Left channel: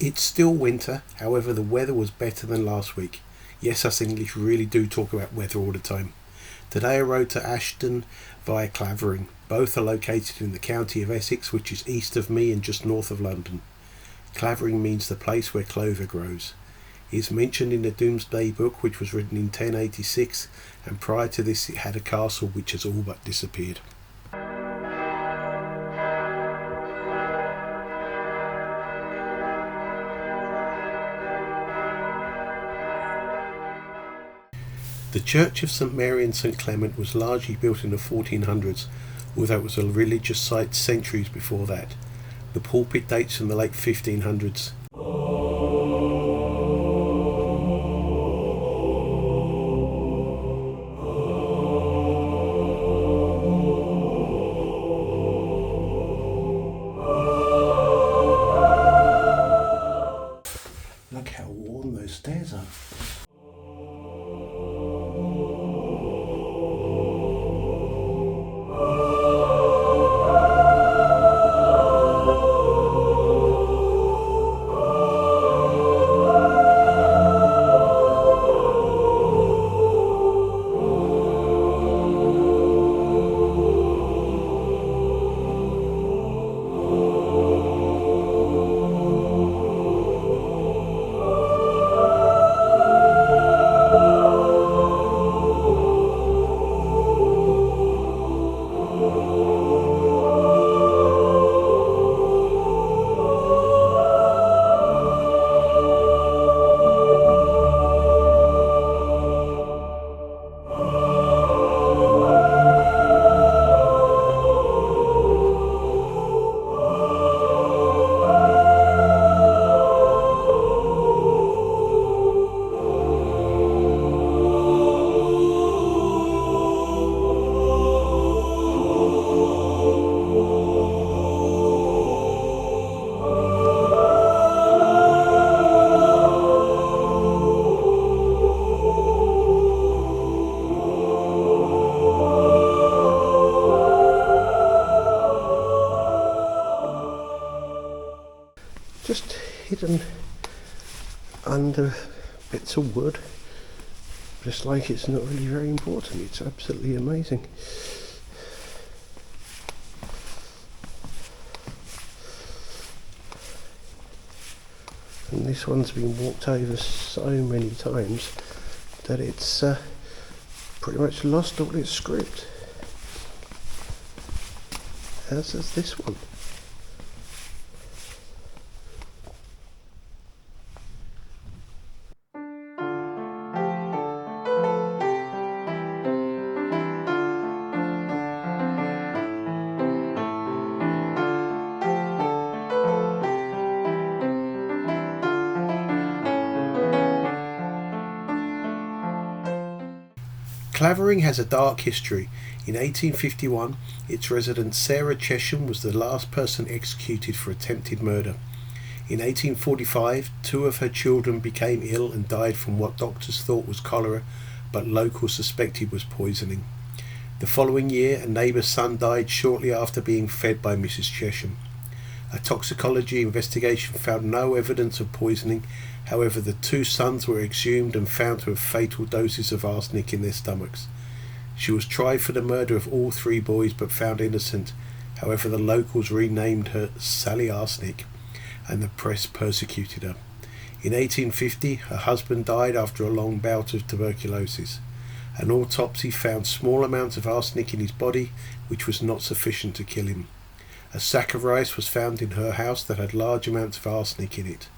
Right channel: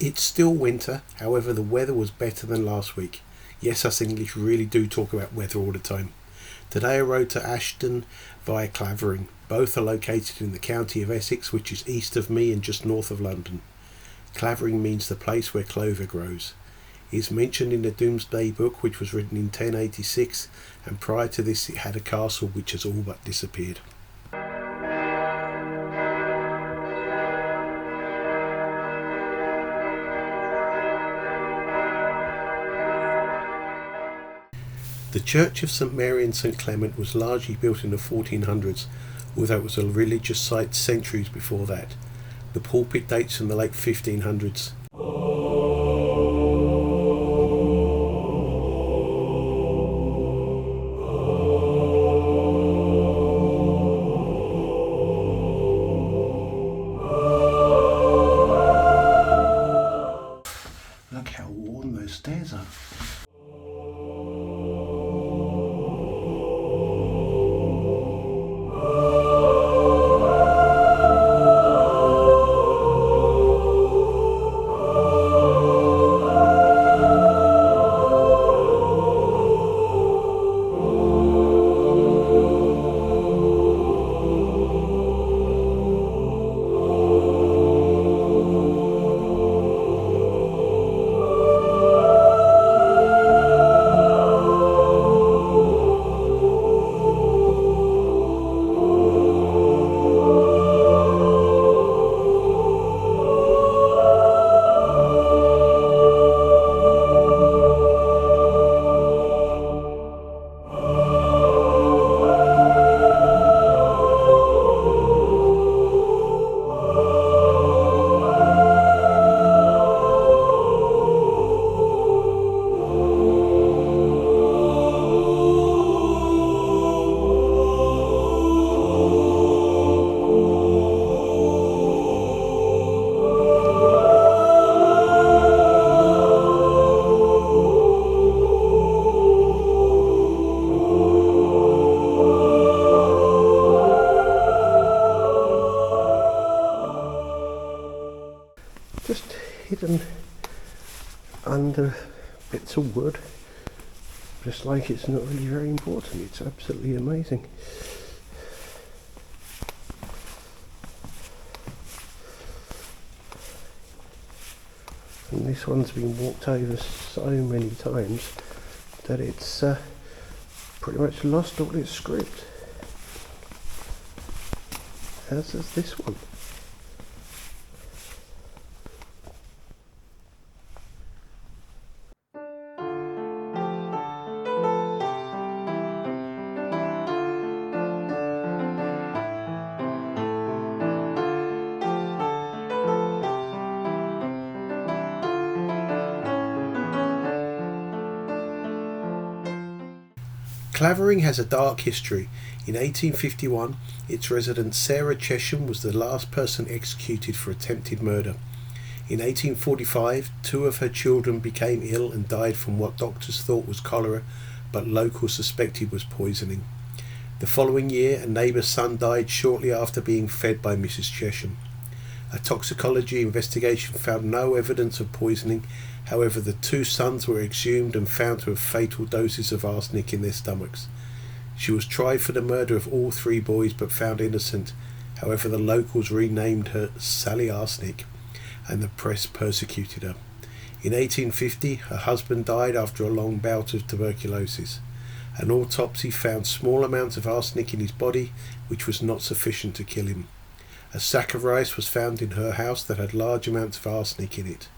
It's still winter, however the weather was better than last week. Yes, us English really do talk about weather all the time. Today I rode to Ashdon via Clavering. Both are located in the county of Essex, which is east of me and just north of London. Clavering means the place where clover grows. It is mentioned in the Domesday Book, which was written in 1086, and prior to this it had a castle which has all but disappeared. The Church of St Mary and St Clement was largely built in the 1400s, although it was a religious site centuries before that. The pulpit dates from the late 1500s. Look how worn those stairs are. Just hidden under bits of wood, just like it's not really very important. It's absolutely amazing. And this one's been walked over so many times that it's pretty much lost all its script, as is this one. Clavering has a dark history. In 1851, its resident Sarah Chesham was the last person executed for attempted murder. In 1845, 2 of her children became ill and died from what doctors thought was cholera, but locals suspected was poisoning. The following year, a neighbour's son died shortly after being fed by Mrs. Chesham. A toxicology investigation found no evidence of poisoning. However, the 2 sons were exhumed and found to have fatal doses of arsenic in their stomachs. She was tried for the murder of all 3 boys but found innocent. However, the locals renamed her Sally Arsenic, and the press persecuted her. In 1850, her husband died after a long bout of tuberculosis. An autopsy found small amounts of arsenic in his body, which was not sufficient to kill him. A sack of rice was found in her house that had large amounts of arsenic in it.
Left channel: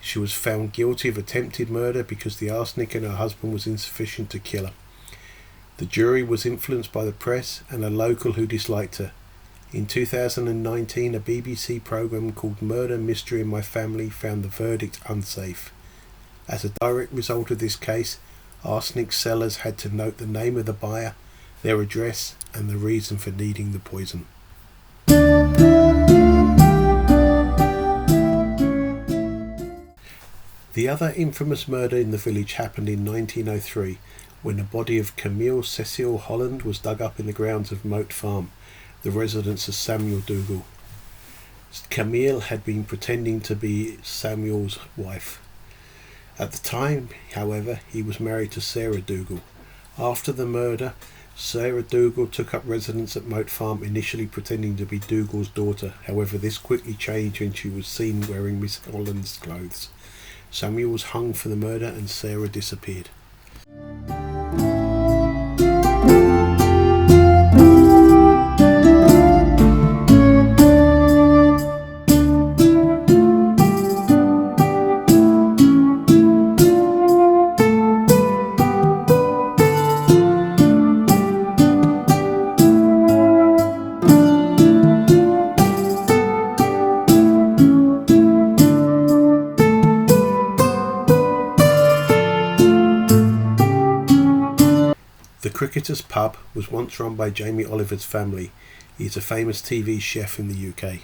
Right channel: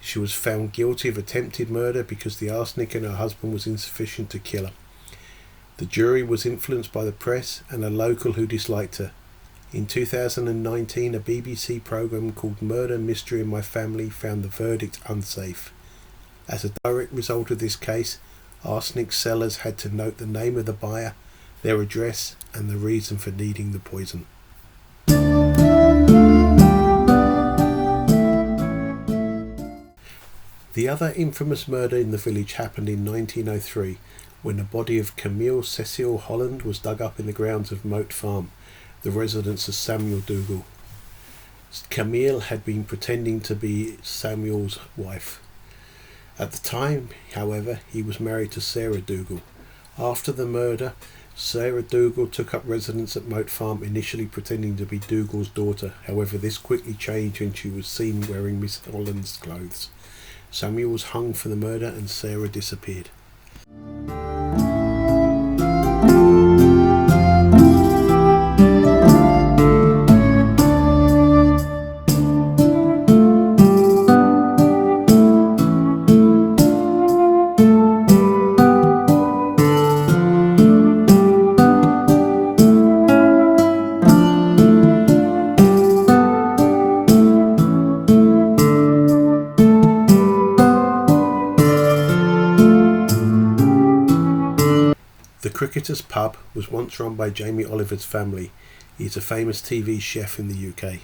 She was found guilty of attempted murder because the arsenic in her husband was insufficient to kill her. The jury was influenced by the press and a local who disliked her. In 2019, a BBC programme called Murder Mystery in My Family found the verdict unsafe. As a direct result of this case, arsenic sellers had to note the name of the buyer, their address, and the reason for needing the poison. The other infamous murder in the village happened in 1903, when the body of Camille Cecile Holland was dug up in the grounds of Moat Farm, the residence of Samuel Dougal. Camille had been pretending to be Samuel's wife. At the time, however, he was married to Sarah Dougal. After the murder, Sarah Dougal took up residence at Moat Farm, initially pretending to be Dougal's daughter. However, this quickly changed when she was seen wearing Miss Holland's clothes. Samuel was hung for the murder and Sarah disappeared. The Cricketers Pub was once run by Jamie Oliver's family. He is a famous TV chef in the UK.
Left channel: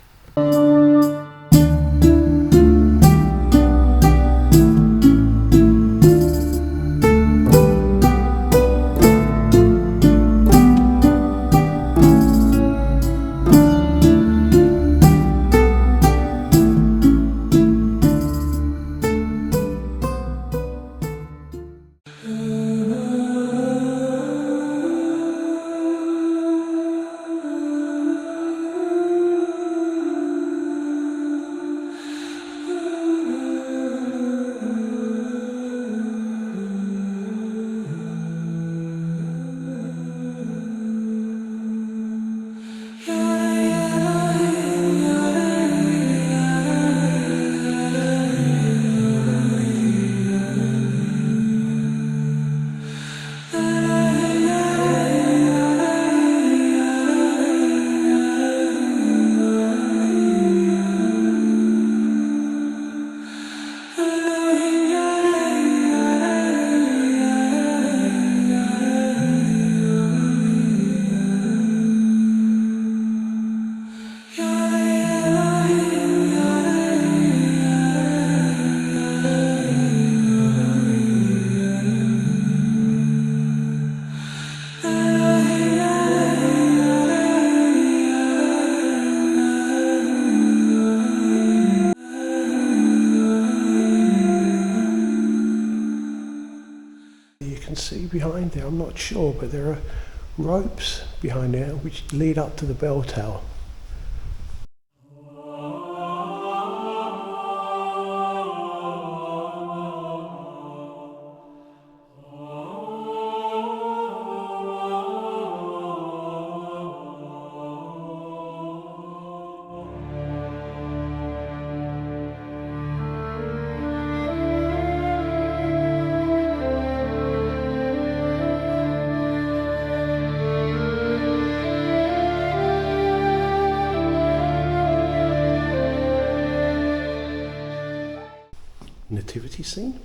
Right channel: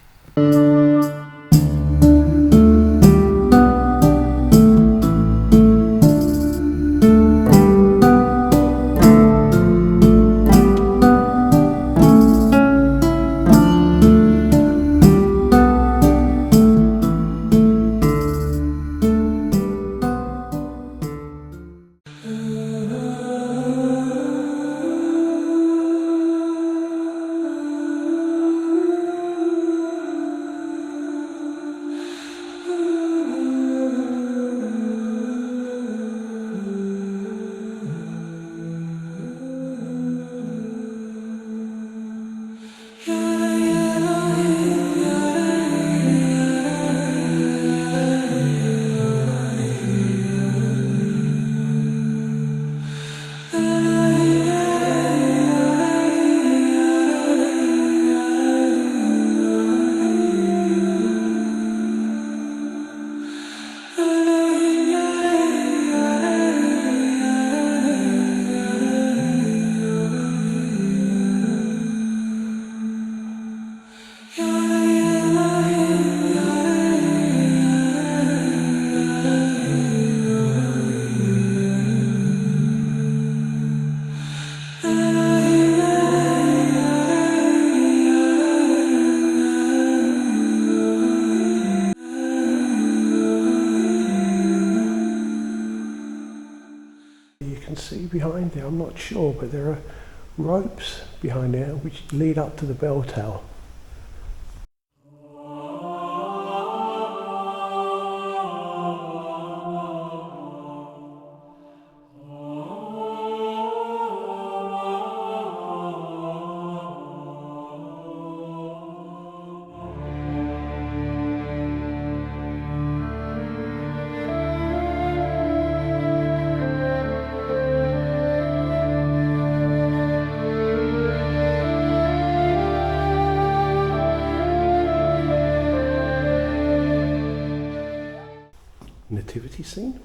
See behind there, I'm not sure, but there are ropes behind there which lead up to the bell tower. Nativity scene.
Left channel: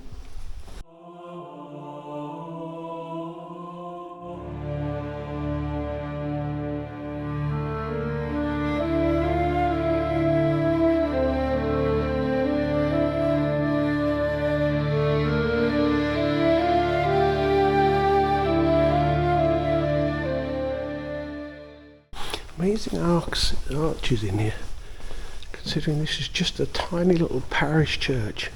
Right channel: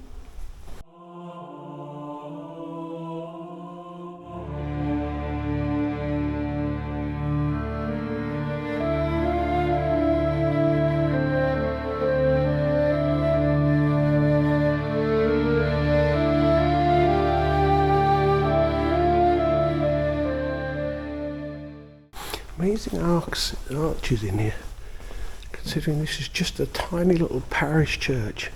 Amazing arches in here, considering this is just a tiny little parish church.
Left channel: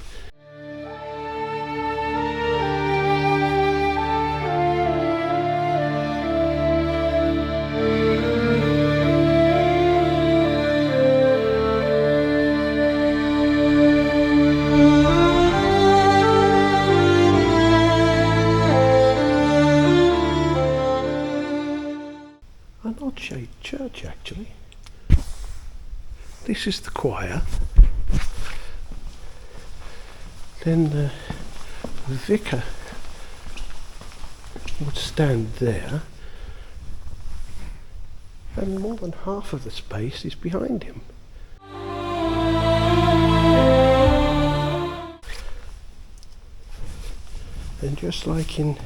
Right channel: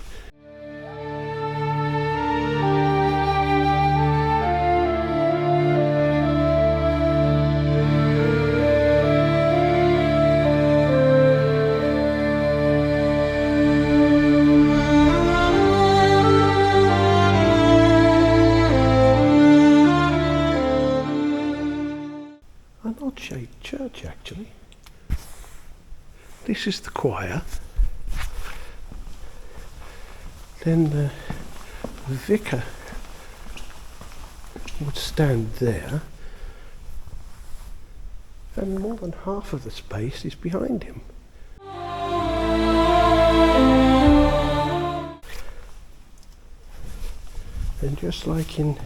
An odd-shaped church, actually. This is the choir. Then the vicar would stand there, and more than half of the space is behind him. And just like in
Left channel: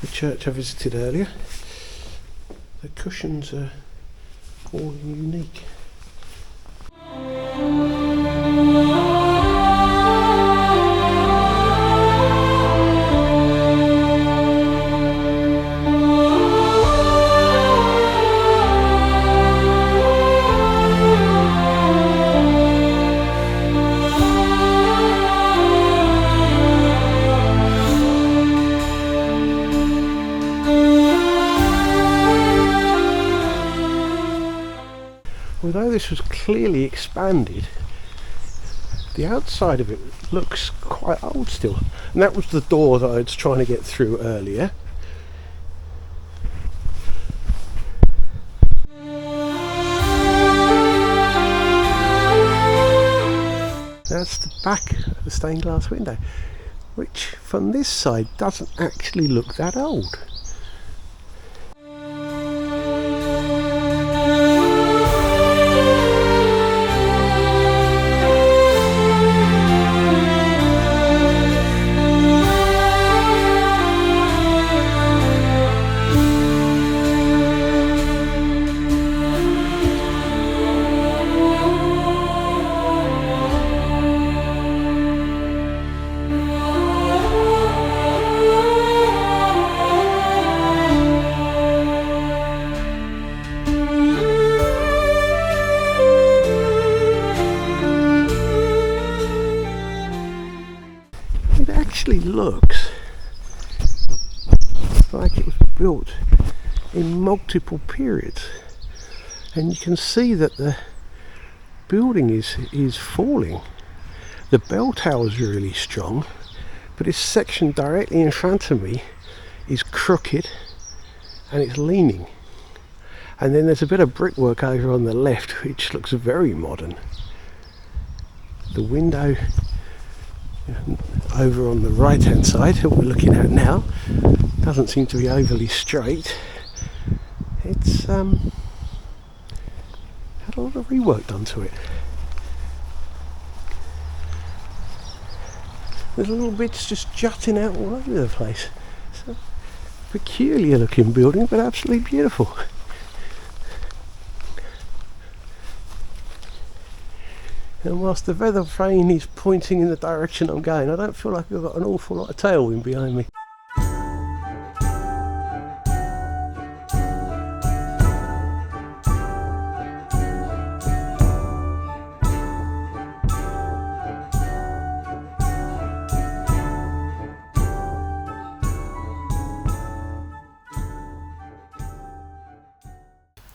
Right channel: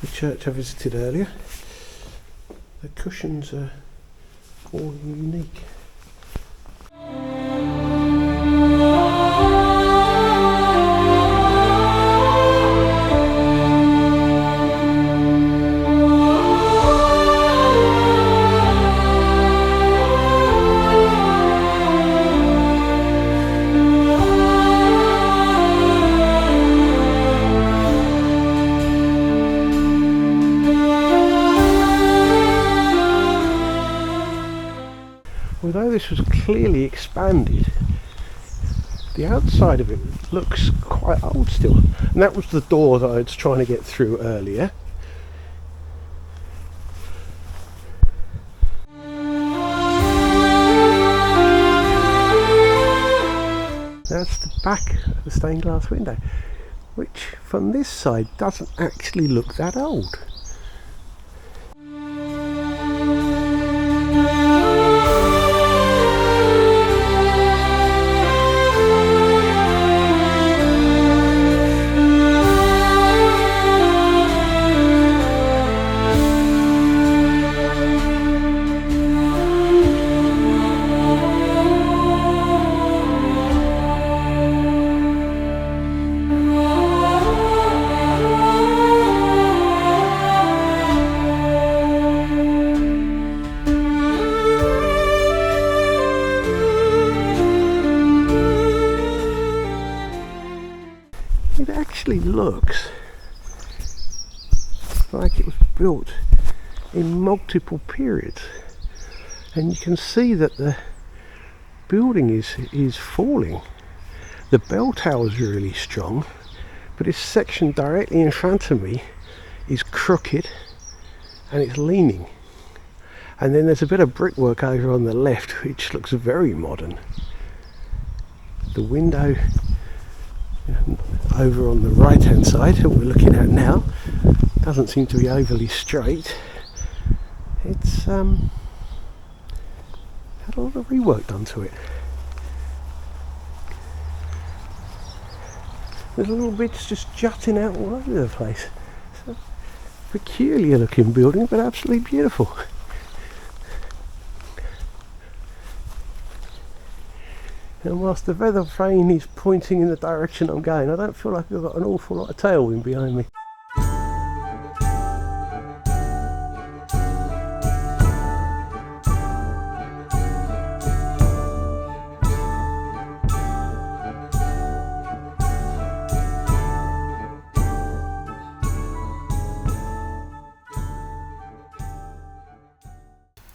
the church I visited earlier, the cushions are all unique. this was clearly expanded, the outside of it looks quite old still. And that was the door that I was trying to get through earlier. That's the back of the stained glass window, which from this side doesn't actually look that old. It actually looks like it was built in multiple periods, and you can see that the building is falling. The bell tower is really strong, but this section directly in front of me is crooked and it's leaning. And then there's a bit of brickwork over on the left which looks very modern. The window over on the right hand side that we're looking at now doesn't seem to be overly straight. It's had a lot of rework done to it. There's little bits just jutting out all over the place. It's a peculiar looking building, but absolutely beautiful. And whilst the weather vane is pointing in the direction I'm going, I don't feel like I've got an awful lot of tailwind behind me.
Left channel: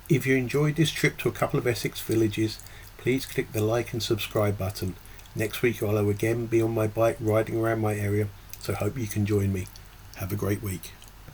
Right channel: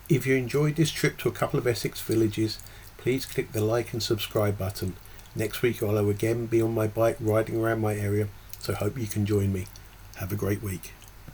If you enjoyed this trip to a couple of Essex villages, please click the like and subscribe button. Next week I'll again be on my bike riding around my area, so hope you can join me. Have a great week.